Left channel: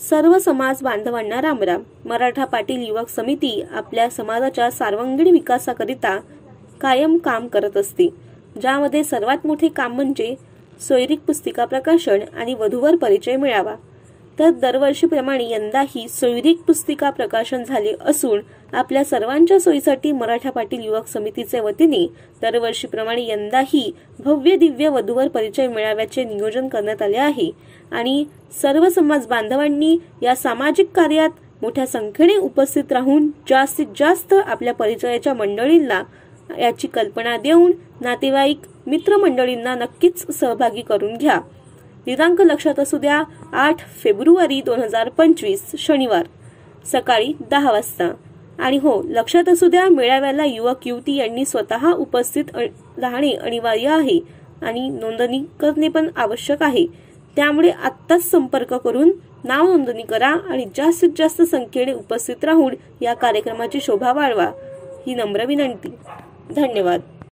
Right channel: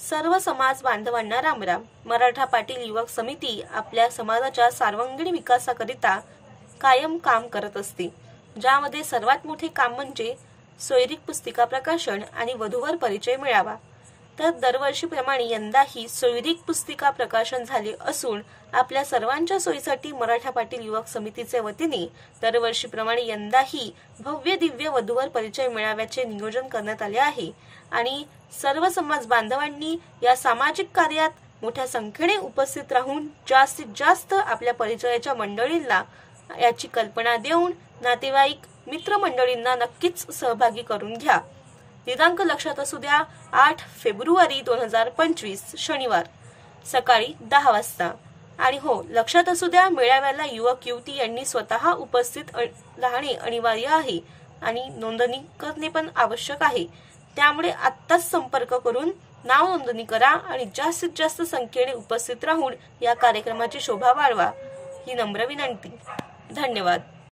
सर्व समाज बांधवांना रामराम। मराठा पाटील युवक समिती आपल्या समाजाच्या सर्वांगीण विकासाकरिता कायम काम करत असते, ज्यामध्ये सर्वात मोठे काम म्हणजे सोयरीक पुस्तिका प्रकाशन आणि वधूवर परिचय मिळावा। तर दरवर्षीप्रमाणे यंदाही सोयरीक पुस्तिका प्रकाशन झाले असून आपल्या सर्वांच्या सोयीसाठी मराठा पाटील युवक समितीचे वतीने दरवर्षीप्रमाणे यंदाही भव्य दिव्य वधूवर परिचय मेळाव्याचे नियोजन करण्यात आले आहे आणि सर्व समाज बांधवांनी या सामाजिक कार्यात मोठ्या संख्येने उपस्थित राहून जास्तीत जास्त आपल्या परिचयाच्या मंडळींना याची कल्पना देऊन नातेवाईक मित्रमंडळींना नक्कीच सहभागी करून घ्या। दिनांक लक्षात असू द्या, 8 फेब्रुवारी 2025 शनिवार सकाळी 10 वाजता। आणि हो, लक्षात असू द्या, मेळाव्याला युवक युवती यांनी स्वतः उपस्थित राहणे अनिवार्य आहे आणि नोंदणी करणे पण आवश्यक आहे। त्यामुळे आत्ताच संपर्क करून नाव नोंदणी करा आणि जास्तीत जास्त संख्येने उपस्थित राहून या कार्यक्रमाची शोभा वाढवा, ही नम्र विनंती। धन्यवाद।